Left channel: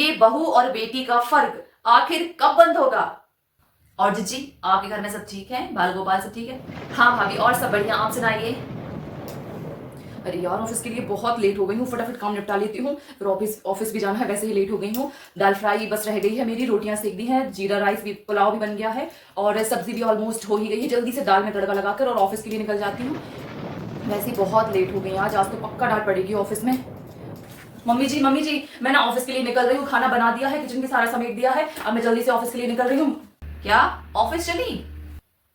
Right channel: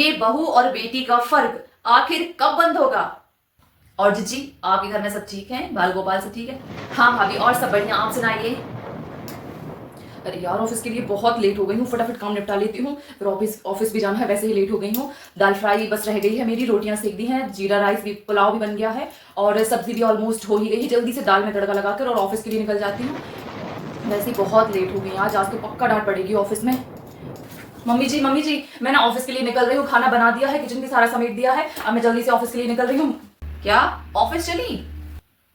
ये बहू और बेटी का फर्क आखिर कब बंद होगा। और जीजी, आपके घर में सब ठीक है? बाल गोपाल सब ठीक है? हाँ भाभी, और सब बढ़िया। आप सुनाइए। अरे यार, ऑफिस के लिए बहुत लेट हो गई हूँ, फटाफट काम निपटा लेती हूँ, फिर ऑफिस भी जाना है, वैसे ही लेट हो गई हूँ। दाल फ्राई बस रह गई है मेरी, रोटियां सेक दी हैं, जीरा राइस भी, पुलाव भी बन गया है और सब्जी भी ऑलमोस्ट हो ही गई है। जल्दी से दाल में तड़का लगाकर और ऑफिस के लिए निकल जाती हूँ। वैसे ही बहुत लेट हो गई आज आज तो पक्का डांट पड़ेगी ऑफिस में। मम्मी जी, मैं ना ऑफिस के लिए निकल रही हूँ, खाना बना दिया है, किचन भी सारा समेट दिया है, अब मैं जल्दी से ऑफिस के लिए निकल रही हूँ। क्या ऑफिस चली?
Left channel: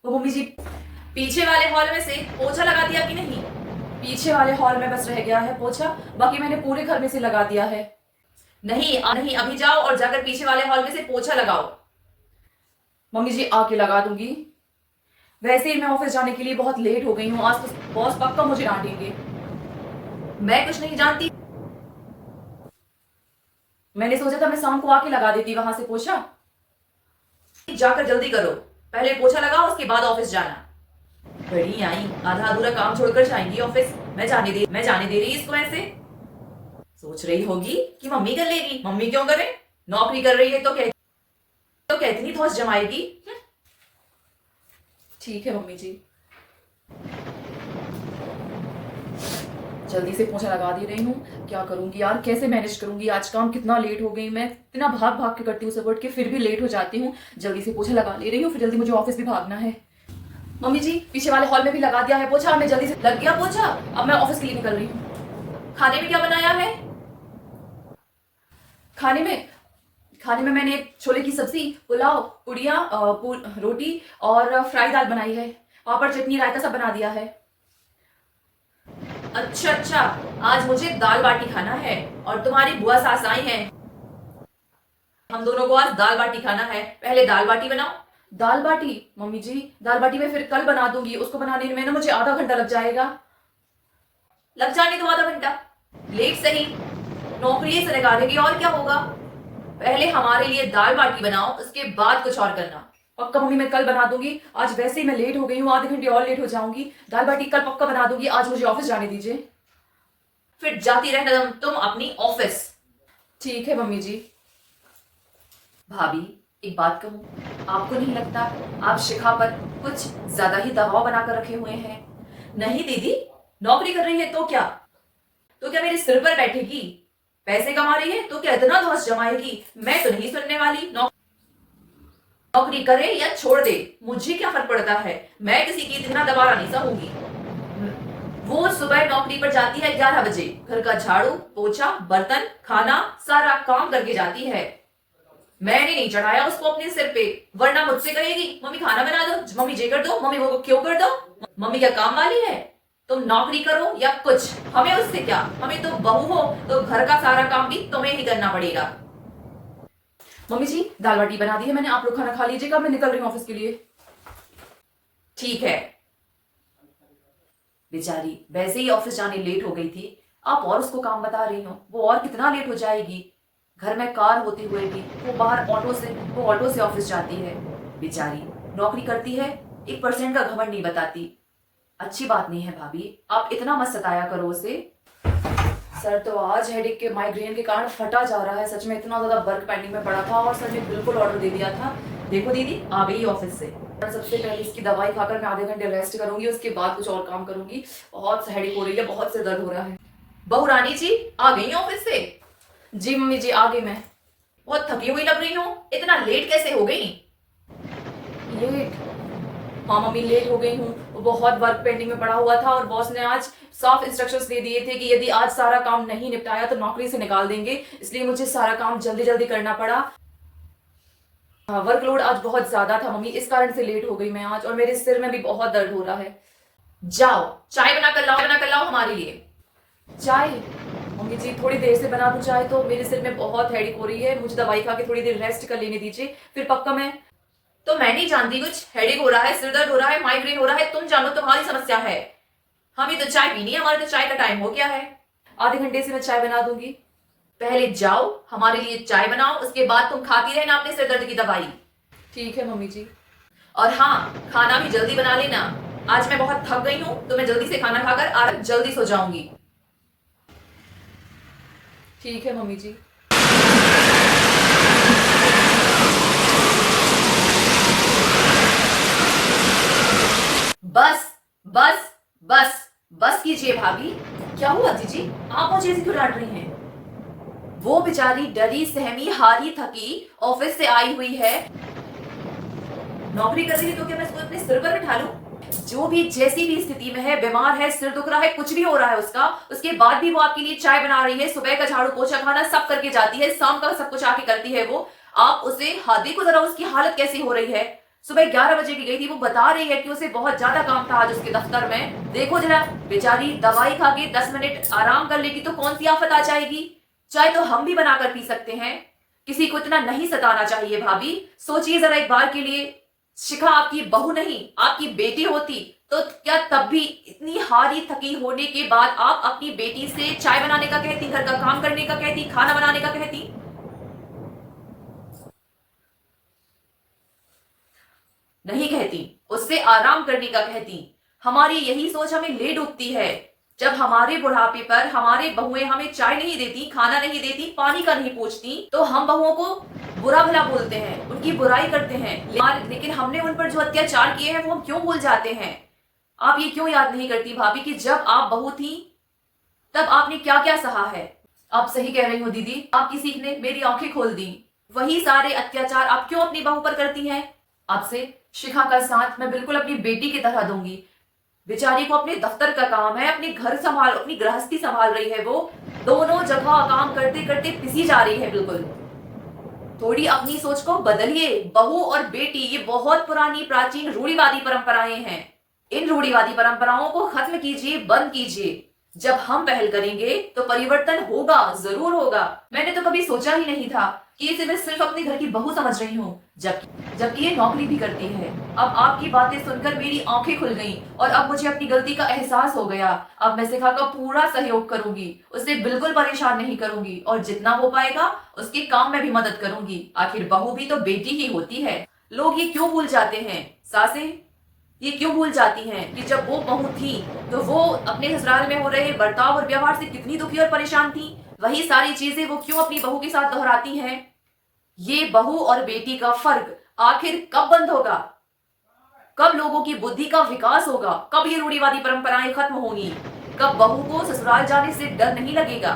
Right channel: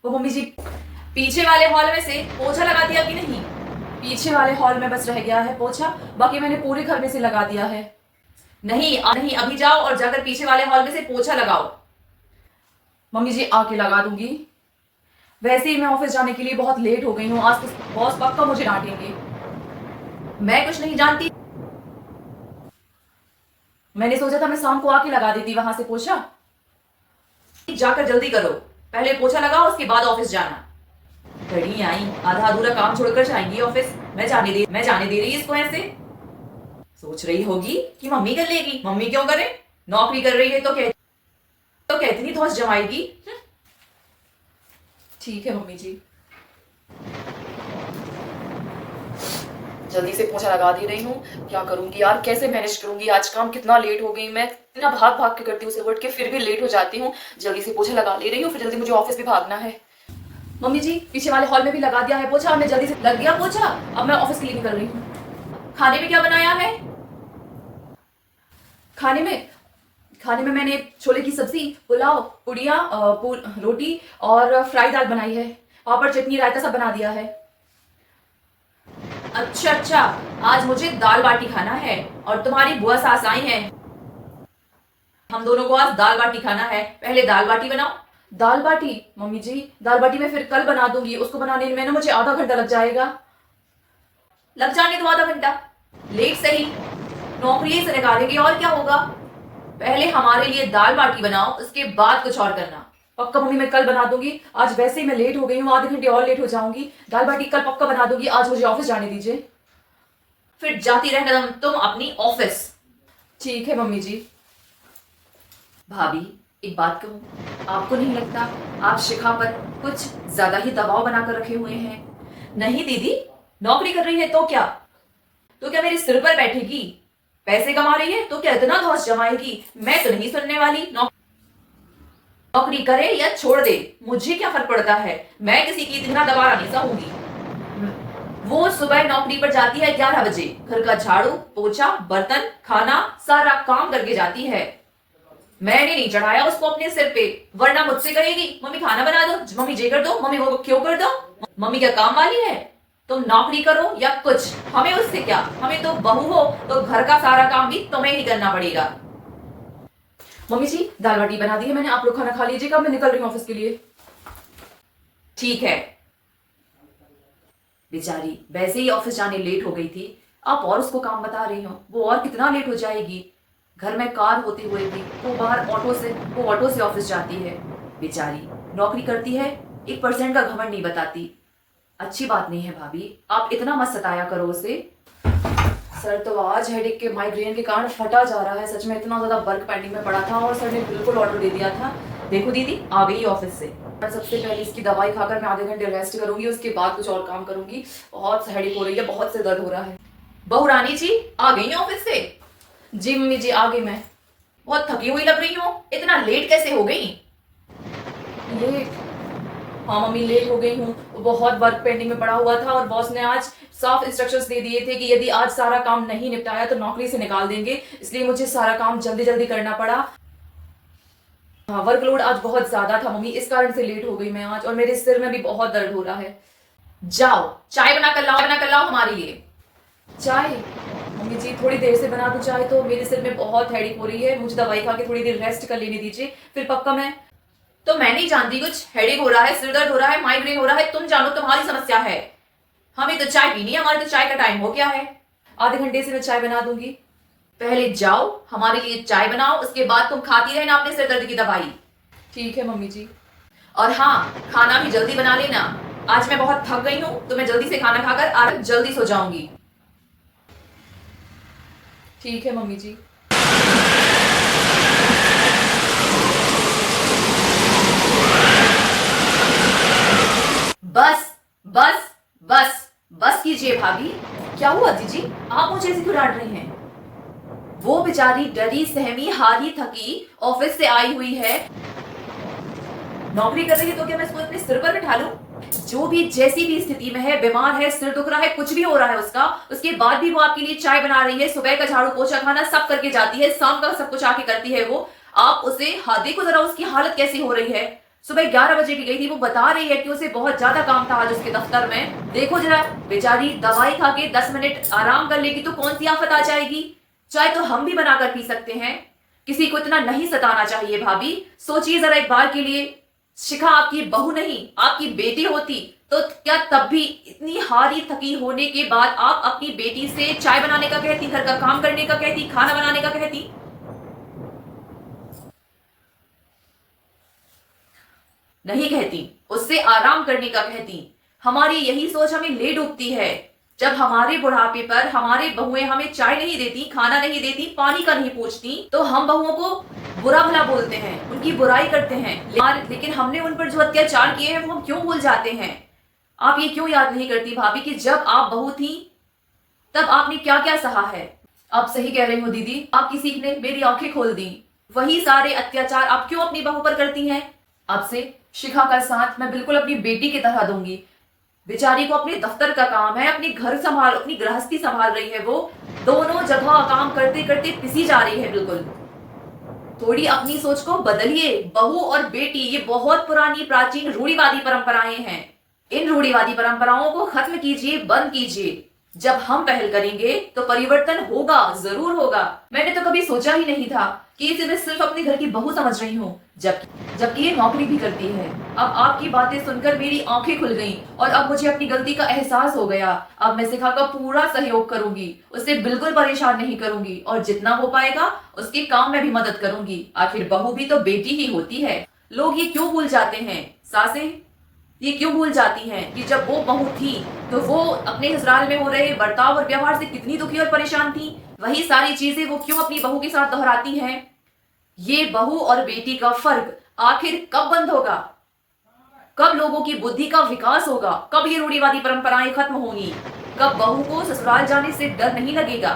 वो मम्मी जी, पीछे वाले हॉल में से पोछा लगा दिया कि नहीं? पीछे वाले हॉल में बस रह गया है पोछा, बाकी मैंने पूरे घर में से लगा दिया है। नहीं नहीं, अभी जाओ और जाकर पीछे वाले हॉल में से पोछा लगाओ। मम्मी जी, आके लगा दूंगी। वैसे ही मैं ऑफिस जाने के लिए बहुत लेट हो गई हूँ, आज तो बॉस पक्का मुझे डांटेंगे। मैं कुछ नहीं जानती, मैंने सोचा था मैं शाम को आके लगा देती वहां से पोछा। जाकर जल्दी करो, पहले पोछा लगाओ, उसके बाद ऑफिस जाना। घड़ी आई, आधा अधूरा काम छोड़कर जाएंगी ऑफिस। मैं जाने दे रही इसको ऐसे। सोच रही होगी कि मम्मी कर लेगी, मम्मी क्यों करे, नौकरी कर रही है तो क्या इतनी धौंस जमाएगी। ठीक है मम्मी जी, जल्दी से पोछा लगा दे रही हूँ। क्या करूंगी यार, कैसे मैनेज करूंगी, आज काम कितना लेट हो गई, मैं इतना भाग भाग के करती हूँ उसे, के फिर भी लेट हो जाती हूँ। जल्दी से पोछा लगा ले रही हूँ, फिर जल्दी मुझे ऑफिस भी भागना है। मम्मी जी, पीछे वाले हॉल में भी लगा दिया है पोछा, मैं जल्दी से लग गया पोछा, अब मैं ऑफिस के लिए निकल रही हूँ। खाने में क्या बनाया है? खाने में मैंने छोले की सब्जी, पुलाव, पुड़िया, रोटी और फ्राई दाल बनाई है, पापड़, चटनी, रायता सब बना दिया है। अच्छा, आज मुझे दाल बाटी खाना है और तुम्हारी बुआ सास आई हैं, हम दोनों को आज दाल बाटी खाना है। पहले दाल बाटी बनाओ। दाल बाटी? मम्मी जी, दाल बाटी मैं फिर कल बना दूंगी, उसको बनाने में ना मुझे आधा घंटा लग जाएगा। लग जाने दो आधा घंटा, लेट सही, नौकरी से निकालेगी और क्या होगा। पहले हमारे लिए दाल बाटी बनाओ, उसके बाद कुछ और करना। पक्का मम्मी, मैं कल बना दूंगी, आज वैसे ही मैं लेट हो गई हूँ, आधे घंटे और लेट हो जाऊंगी। दाल बाटी कल पक्का बना दूंगी, आज मुझे ऑफिस जाने दीजिए। फिर जाती रहना तुम अपनी ऑफिस। ठीक है मम्मी जी। भाभी, एक बात कहूँ, आपको नहीं लगता आप शिखा पर कुछ ज्यादा ही दबाव बनाकर रखे हुए हैं? नहीं दीदी, नौकरी कर रही है तो क्या मेरे सिर पर बैठेगी? पैसे कमा रही है तो क्या इतना धौंस जमाएगी? मैं तो नहीं सुनने वाली। नौकरी करे या छोड़ दे, मुझे क्या फर्क पड़ता है, मैं किसी की इतना दबारा नहीं सहूंगी। वो सुबह नौकरी पर जाती है 11 बजे, घर का झाड़ू पोछा बर्तन खाना सारा काम करके जाती है। मैंने नहीं चढ़ाया उसको अपने सिर पे, वरना मुझसे कहेगी मम्मी खाना बना दो, मम्मी ये कर दो, मम्मी वो क्यों कर दो। मम्मी क्या काम वाली है? तुम नौकरी करो या कुछ, हमें उससे क्या, हमें तो बहू हो तो घर का सारा काम भी तुम्हें ही करना पड़ेगा। मम्मी जी, दाल बाटी बना दी है मैंने, आप लोग खाना खा लीजिएगा, मैं निकल रही हूँ ऑफिस के लिए। ठीक है। बेचारी वैसे ही ऑफिस जाने लेट हो गई थी, आप और उसको काम बता रही हो, वो और कितना लेट हो जाएगी। घर में कार होते हुए भी वो बाहर ऑटो से ऑफिस जाती है। बेचारी नौकरी करती है, 1% का घमंड नहीं बताती। अच्छी बात नहीं है भाभी, आप इतना मत सताया करो उसे। सर तो आज हेडेक के माइग्रेन के कारण फटा जा रहा है, सच में इतना ज्यादा वर्क पेंडिंग में पड़ा था और सर ने बिल्कुल ऑर्डर दे दिया था। देखो दीदी, आ गई ऑफिस से। सबसे पहले इसकी दवाई खाकर मैं आधे घंटे रेस्ट करूंगी, उसके बाद कुछ और काम करूंगी। बहुत हेडेक हो रही है, बहुत से दर्द हो रहा है। बहू रानी जी आ गई ऑफिस से? जी मम्मी जी, आ गई मैं। बहुत थकी हुई लग रही हो, इतना लेट कैसे हो गई? लेट? हाँ मम्मी, लेट हो गई हूँ, बहुत वर्क पेंडिंग में पड़ा हुआ था और बॉस ने आज साफ इंस्ट्रक्शंस दे दिए थे कि यदि आज सारा काम नहीं निपटाया तो नौकरी से निकाल देंगे, इसलिए मुझे सारा काम जल्दी जल्दी करना पड़ा। हाँ, वर्कलोड आज बहुत ज्यादा था मम्मी, इस कारण से लेट हो गई मैं आज, और मेरे सिर में भी बहुत दर्द हो रहा है। जाओ चाय बना कर लाओ हमारे लिए। चाय? मम्मी जी, थोड़ी देर से बना दूं चाय, तो मेरे सिर में बहुत हेडेक हो रही है, मुझे दवाई खा के थोड़ी देर रेस्ट कर लेने दीजिए, फिर पक्का मैं नहीं जानती, कुछ हेडेक हो रहा है, सिर दर्द हो रहा है, माइग्रेन हो रहा है, तुम जानो, तुम्हारी समस्या है। हमें तो चाय पीनी है, हमारे तो चाय का टाइम हो गया है। आधे घंटे से मैं चाय बना दूंगी। पहले जाओ हमारे लिए चाय बनाओ, उसके बाद तुम खाती रहना अपने सिर दर्द की दवाई। ठीक है मम्मी जी। और हाँ, खाना भी जल्दी बना लेना, आज मैं बहुत थक गई हूँ तो मैं जल्दी से खाना खाकर आज जल्दी सो जाऊंगी। ठीक है मम्मी जी। बस बस बस बस कीजिए भाभी। क्या हुआ जीजी, आप मुझे ऐसे क्यों डांट रही हैं? वो बेचारी डरी सहमी हारी थकी ऑफिस से आई हुई है, नौकरी कर रही है, तो क्या मैं इसको अपने सिर पर बिठा लूं? जो भी जैसी भी स्थिति में है, बीमार है, सिर दुख रहा है, कुछ भी हो रहा है उसका, उसके बाद भी वो आपके लिए चाय बना रही है, सुबह का झाड़ू पोछा खाना सब करके जाती है, शाम का सब कुछ आके करती है वो। आप उसे देखो जरा उसकी हालत कैसी हो रही है। सुबह 11 बजे की गई थी, वो बता रही है कि उसे बहुत ज्यादा काम था आज उसके दफ्तर में। देखो जरा बेचारी, दवाई खा के 10 मिनट आराम कर लेगी तो कौन सी आफत आ जाएगी। चाय तो हम भी बनाकर पी सकते हैं, किसी को इतना नहीं सताना चाहिए भाभी। सोचिए जरा एक बार के लिए, शिखा आपकी बहू नहीं आपकी बेटी होती तो क्या तब भी इतनी हारी थकी होने के बाद आप अपनी बेटी से चाय बनाने का कहती, घर का काम करने का कहती, खाना बनाने का कहती? नहीं कहती, उससे आराम करने का कहती। हमारी यही सोच हमें ले डूबती है। जब हमारे बुढ़ापे पर हमारे बहुएं हमें चाय नहीं देती, खाना नहीं देती, पानी का नहीं पूछती, तो हम बहुओं को बुरा भला बोलते हैं, उनकी बुराई करते हैं। लेकिन हमने उन पर जो अत्याचार किए हैं वो हम क्यों भूल जाते हैं? आप ये क्यों याद नहीं करती भाभी कि जब आप बहू थी तब आपने क्या क्या सहा है? आप सही कह रही हो दीदी, आपकी सीख ने मेरी आंखें खोल दी। वही सारे अत्याचार आप क्यों अपनी बहू पर करती हैं? आपसे शिखा का साथ मैं बिल्कुल अपनी बेटी की तरह दूंगी। बेचारी को अपने दफ्तर का काम है, अपनी घर संभाल, अपनी गृहस्थी संभाल रही है, वो दोनों जगह काम करते करते पिसी जा रही है बिल्कुल। थोड़ी अपनी सोच को बदलिए। बहू और बेटी ये बहुत पुरानी प्राचीन रूढ़िवादी परंपराएं हैं। इन रूढ़िवादी परंपराओं को खत्म कीजिए, बंद कीजिए। जब हम पहल करेंगे तो परिवर्तन होगा, जरूर होगा। मैंने तो कभी सोचा ही नहीं था कि इसे मैं सिर्फ अपने घर की बहू समझ रही हूँ, जबकि ये नौकरी भी करती है। अब आपकी बातें सुनकर मेरी आंखें खुल गईं और अब मुझे अपनी गलती का एहसास हो गया। अब मैं शिखा का पूरा सहयोग करूंगी, उसे बिल्कुल परेशान नहीं करूंगी और जितना हो पाएगा उसके काम में भी मदद करूंगी। आखिर बहू भी तो बेटी ही होती है। लोग ये क्यों भूल जाते हैं, सासें ये क्यों भूल जाती हैं कि जब वो बहू थी तो वो अपने ससुराल में हो रहे बर्ताव और व्यवहार से कितनी दुखी और परेशान थी। वही सारी चीजें वो क्यों अपनी बहू के साथ दोहराती हैं? ये बहू और बेटी का फर्क आखिर कब बंद होगा? कब लोगों की बुद्धि का विकास होगा? कब ये रूढ़िवादी परंपराएं खत्म होंगी? कब बहू को ससुराल जाने से डर नहीं लगेगा?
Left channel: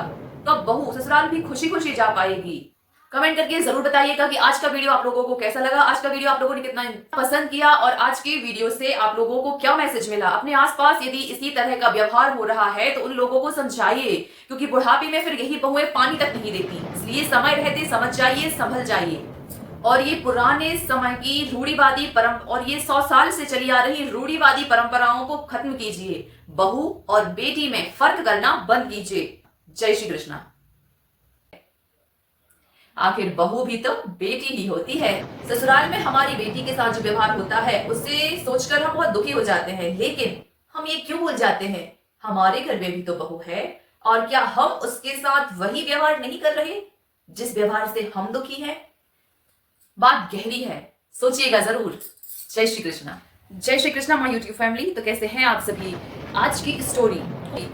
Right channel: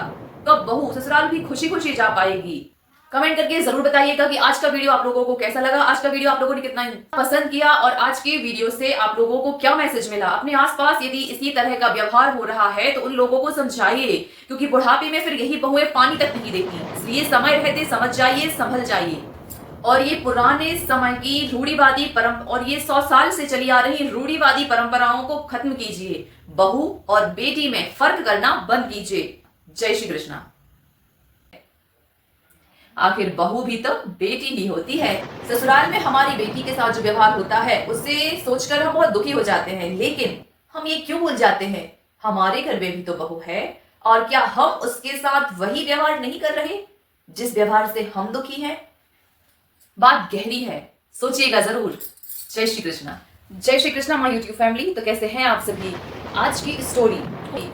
कब बहू ससुराल भी खुशी खुशी जा पाएगी? कमेंट करके जरूर बताइएगा कि आज का वीडियो आप लोगों को कैसा लगा, आज का वीडियो आप लोगों ने कितना पसंद किया और आज के वीडियो से आप लोगों को क्या मैसेज मिला। अपने आसपास यदि इसी तरह का व्यवहार हो रहा है तो उन लोगों को समझाइए, क्योंकि बुढ़ापे में फिर यही बहुएं पानी तक नहीं देती। इसलिए समय रहते समझ जाइए, संभल जाइए और ये पुराने समय की रूढ़िवादी और ये 100 साल से चली आ रही रूढ़िवादी परंपराओं को खत्म कीजिए। बहू और बेटी में फर्क करना बंद कीजिए। जय श्री कृष्णा। आखिर बहू भी तो बेटी ही होती है। ससुराल में हमारी बेटी के साथ जो व्यवहार होता है उससे सोचकर हम बहुत दुखी हो जाते हैं, लेकिन हम ये क्यों भूल जाते हैं हमारे घर में भी तो बहू है, और क्या हम उसके साथ वही व्यवहार नहीं कर रहे जिस व्यवहार से हम दुखी हैं? बात गहरी है, सोचिएगा जरूर। जय श्री कृष्णा। जय Shri Krishna my YouTube family. तो कैसे हैं आप सभी? आज की स्टोरी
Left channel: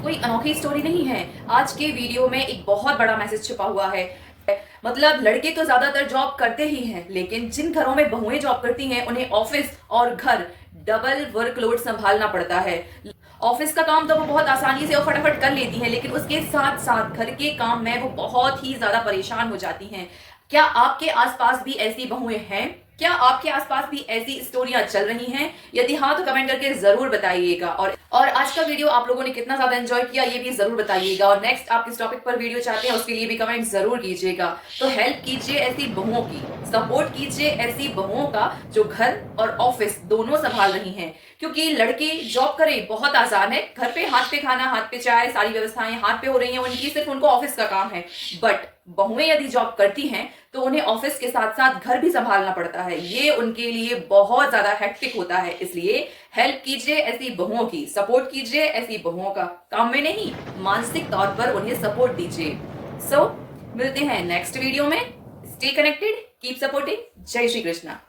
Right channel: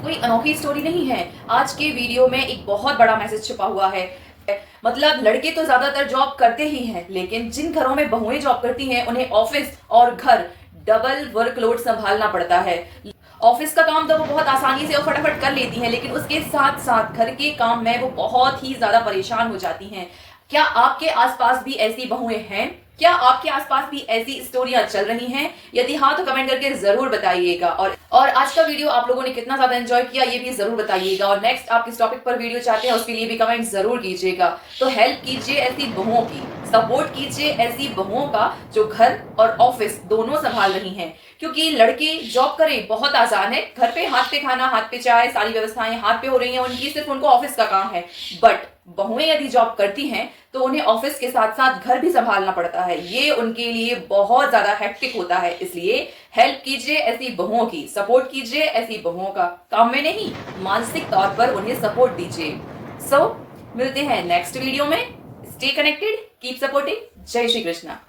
कोई अनोखी स्टोरी नहीं है। आज के वीडियो में एक बहुत बड़ा मैसेज छुपा हुआ है। मतलब लड़के तो ज्यादातर जॉब करते ही हैं, लेकिन जिन घरों में बहुएं जॉब करती हैं उन्हें ऑफिस और घर डबल वर्कलोड संभालना पड़ता है। ऑफिस का काम तो वो बहुत आसानी से और फटाफट कर लेती हैं, लेकिन उसके साथ साथ घर के काम में वो बहुत ही ज्यादा परेशान हो जाती हैं। क्या आपके आसपास भी ऐसी बहुएं हैं? क्या आपके आसपास भी ऐसी स्टोरियां चल रही हैं? यदि हाँ तो कमेंट करके जरूर बताइएगा। और आज का वीडियो आप लोगों ने कितना ज्यादा एंजॉय किया ये भी जरूर बताइएगा। और नेक्स्ट आप किस टॉपिक पर वीडियो चाहते हैं उसके लिए भी कमेंट जरूर कीजिएगा। तो हेल्प कीजिए ऐसी बहुओं की, सपोर्ट कीजिए ऐसी बहुओं का जो घर और ऑफिस दोनों संभाल रही हैं। क्योंकि लड़के जॉब करें बहुत आसान है, घर पे हाथ पे खाना, हाथ पे चाय, सारी व्यवस्थाएं हाथ पे हो रही हैं उनकी, सिर्फ उनको ऑफिस का काम है। बट बहुएं यदि जॉब करती हैं तो उन्हें ऑफिस के साथ साथ घर भी संभालना पड़ता है। ये उनके लिए बहुत ज्यादा हेक्टिक होता है। इसलिए हेल्प कीजिए ऐसी बहुओं की, सपोर्ट कीजिए ऐसी बहुओं का, काम में नहीं मानसिक तौर पर उन्हें सपोर्ट दीजिए। सो मिलते हैं नेक्स्ट वीडियो में। Stay connected, keep supporting. जय श्री कृष्णा।